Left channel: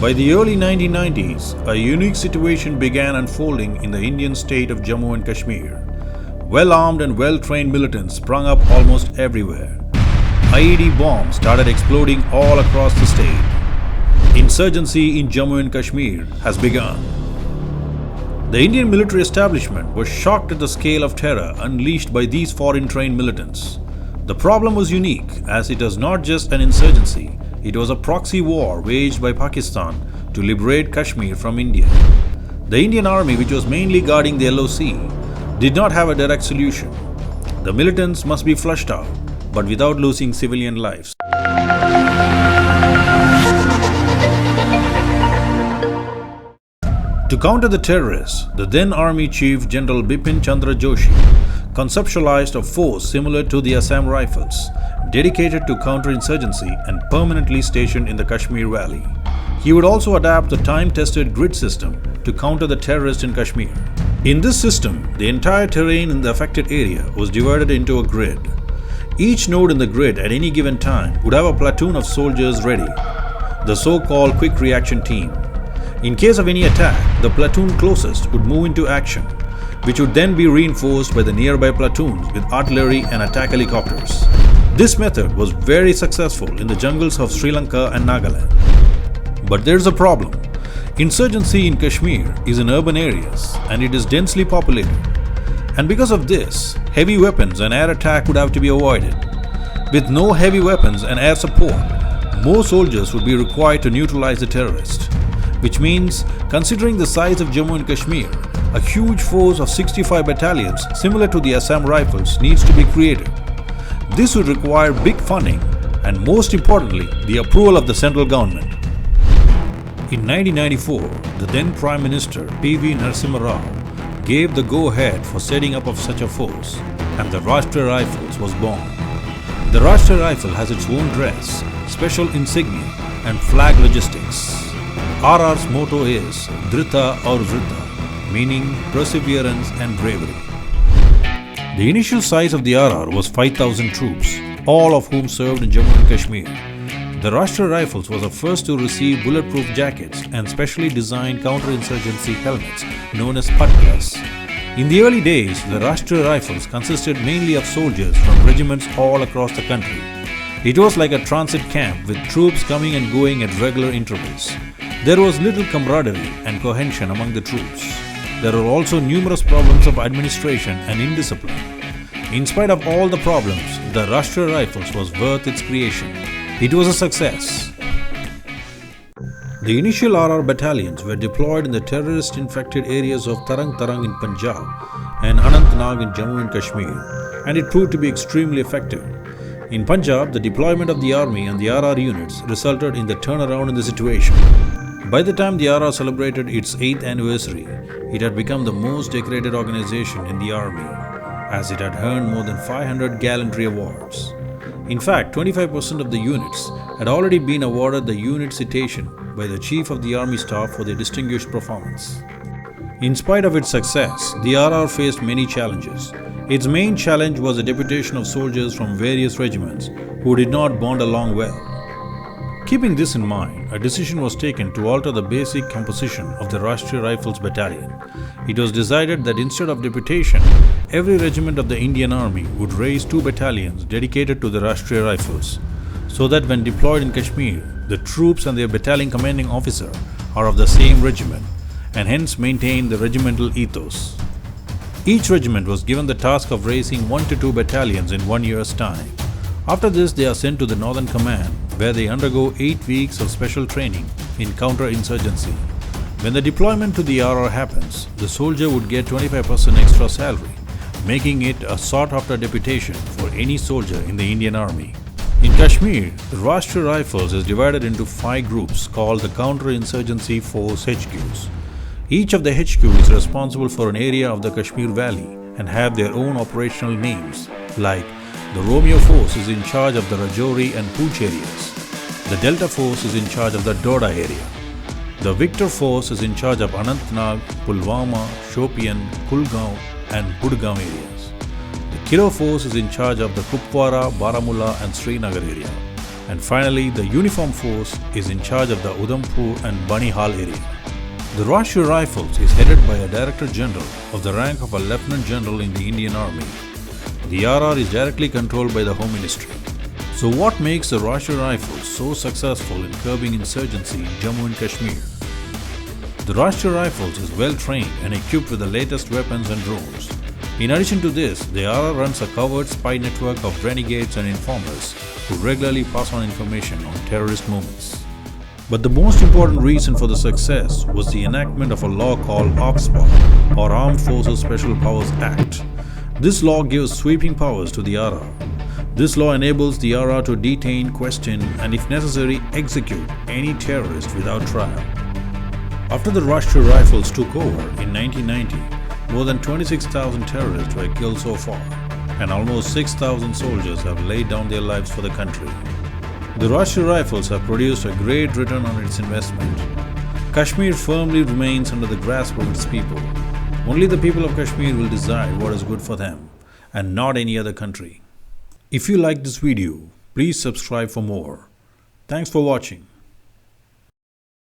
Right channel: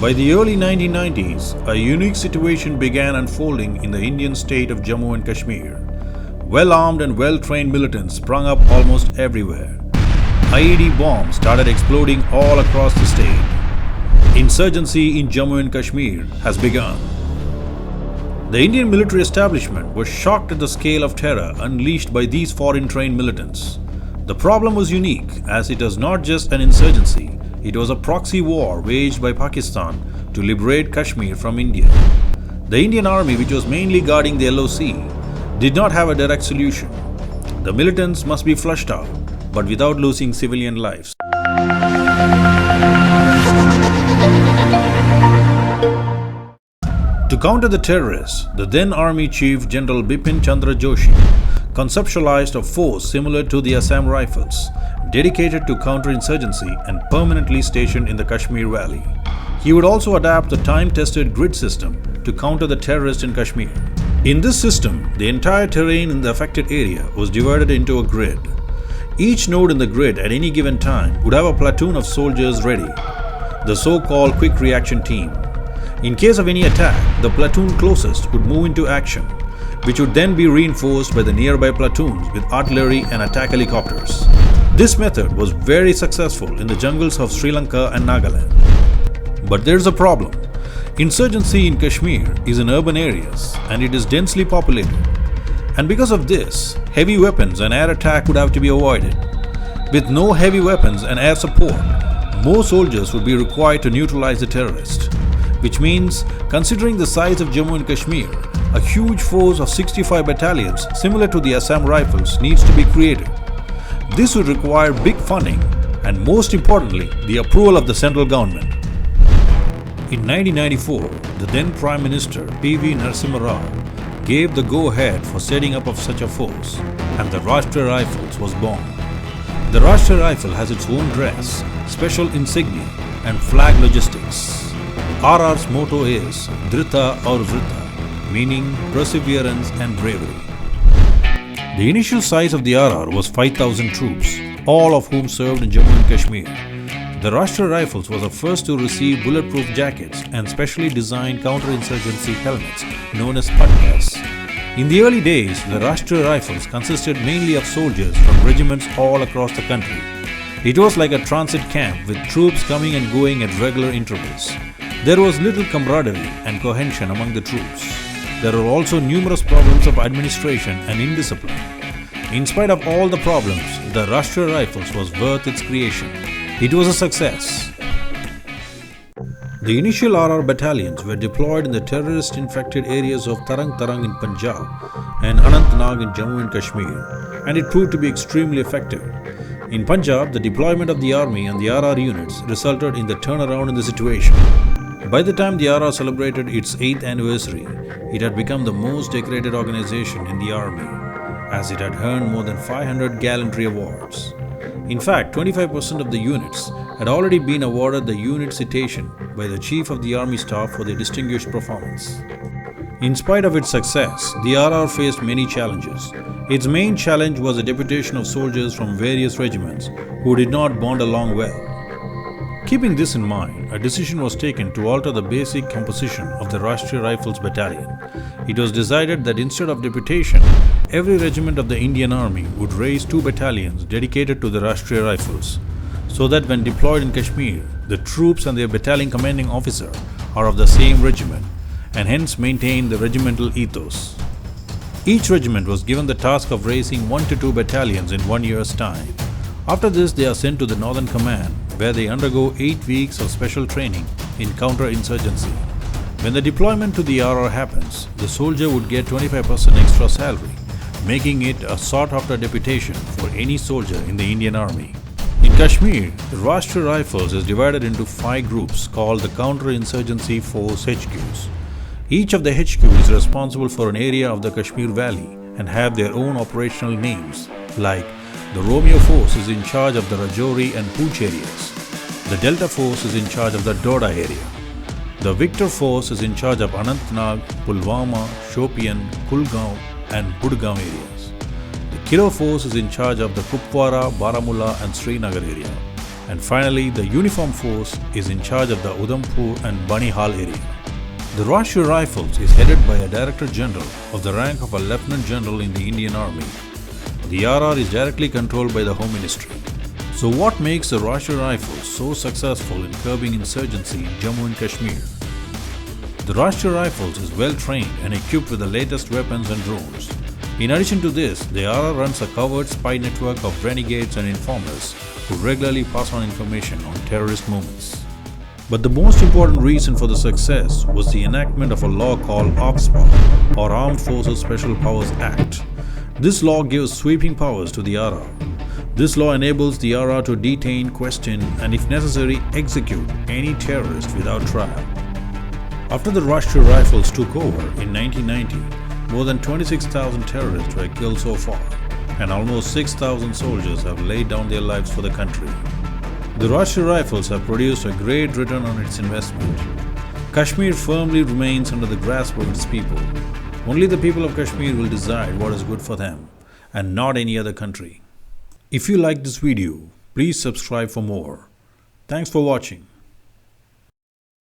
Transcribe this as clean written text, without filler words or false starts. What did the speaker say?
By the early 1990s, a unique situation began unfolding in the Indian state of Jammu and Kashmir. Well-armed and well-trained militants sprung up almost everywhere. IED bombs started exploding all across the state. Insurgency in Jammu and Kashmir has begun. The Indian military establishment was shocked at the scale of terror unleashed by these foreign-trained militants. The problem was unique, as it was not just an insurgency, it was a proxy war waged by Pakistan to liberate Kashmir from India. The Indian army, which was mainly guarding the LOC, did not have a direct solution. The militants must be flushed out, but without losing civilian lives. To counter the terrorists, the then Army Chief General Bipin Chandra Joshi conceptualized a force similar to the Assam Rifles, dedicated to counterinsurgency and permanently stationed in the Kashmir Valley. He would also adapt the time-tested grid system to counter the terrorists in Kashmir. In this system, the entire terrain in the affected area was divided into a grid. Each node in the grid at any given time would have a platoon of soldiers ready, the so-called quick reaction team. In case of any attack, the platoon closest would move into action, which would then be reinforced by the nearby platoons with artillery and attack helicopters. This method was very successful in the jungles of Sri Lanka and Nagaland. But there's a problem. Insurgency in Kashmir is in urban areas and it is densely populated. And because of this, heavy weapons and air attack would have to be avoided. With no heavy weapons and air support, more soldiers would be required to neutralize the terrorists. Which means, considering the size of Jammu and Kashmir, a huge force of 65 battalions similar to the Assam Rifles needs to be created. This would require big funding and, most importantly, the approval of the central government. In 1994, the then Prime Minister P.V. Narasimha Rao gave the go-ahead for setting up of such a force, and the Rashtriya Rifles was born. The Rashtriya Rifle has its own dress, special insignia and flag logistics. RR's motto is Dhrita aur Vrita, meaning perseverance and bravery. The initial size of the RR was 5,000 troops, all of whom served in Jammu and Kashmir. The Rashtriya Rifles was the first to receive bulletproof jackets and specially designed counterinsurgency helmets known as patkas. In the early days, the Rashtriya Rifles consisted mainly of soldiers from regiments all across the country. It was like a transit camp with troops coming and going at regular intervals. There was little camaraderie and cohesion among the troops. There were also numerous problems of administration and indiscipline. In spite of all the problems, the Rashtriya Rifles was worth its creation. It was a success. The initial RR battalions were deployed in the terrorist-infected areas of Tarang Tarang in Punjab and Anantnag in Jammu and Kashmir, and it proved to be extremely effective. In Punjab, the deployment of the army and the RR units resulted in the turnaround in the situation. By the time the RR celebrated its 8th anniversary, it had become the most decorated organization in the army, as it had earned more than 500 gallantry awards. In fact, 25% of the units had already been awarded the unit citation by the Chief of the Army Staff for their distinguished performance. In spite of its success, the RR faced many challenges. Its main challenge was the deputation of soldiers from various regiments who did not bond along well. Keeping this in mind, a decision was taken to alter the basic composition of the Rashtriya Rifles battalion. It was decided that instead of deputation, every regiment of the Indian Army would raise 2 battalions dedicated to the Rashtriya Rifles, so that when deployed in Kashmir, the troops and their battalion commanding officer are of the same regiment and hence maintain the regimental ethos. Each regiment was given the task of raising 1 to 2 battalions in 1 year's time. After this, they are sent to the Northern Command, where they undergo 8 weeks of special training in counterinsurgency. When the deployment to the RR happens, the soldier would get 25% extra salary, making it a sought-after deputation for any soldier in the Indian Army. In Kashmir, the Rashtriya Rifles is divided into 5 groups called the Counterinsurgency Force HQs. Each of the HQ is responsible for an area of the Kashmir Valley and have their own operational names, like the Romeo Force is in charge of the Rajouri and Pooch areas. The Delta Force is in charge of the Doda area. The Victor Force is in charge of Anantnag, Pulwama, Shopian, Kulgaon and Budgaon areas. The Kilo Force is in charge of the Kupwara, Baramulla and Srinagar area. And finally, the uniform force is in charge of the Udhampur and Banihal area. The Rashtriya Rifles is headed by a Director General of the rank of a Lieutenant General in the Indian Army. The RR is directly controlled by the Home Ministry. So what makes the Rashtriya Rifles so successful in curbing insurgency in Jammu and Kashmir? The Rashtriya Rifles is well trained and equipped with the latest weapons and drones. In addition to this, the RR runs a covert spy network of renegades and informers who regularly pass on information on terrorist movements. But the most important reason for the success was the enactment of a law called AFSPA, or Armed Forces Special Powers Act. This law gives sweeping powers to the RR. This law enables the RR to detain, question, and if necessary, execute any terrorist without trial. After the Rashtriya Rifles took over in 1990, more than 26,000 terrorists were killed so far, and almost 6,000 soldiers have laid down their lives for the country. The Rashtriya Rifles have produced a great return on its investment. Kashmir firmly remains under the grasp of its people. Only the people of Kashmir will decide what is good for them, and not any other country. If you like this video, please subscribe for more. Thanks for watching.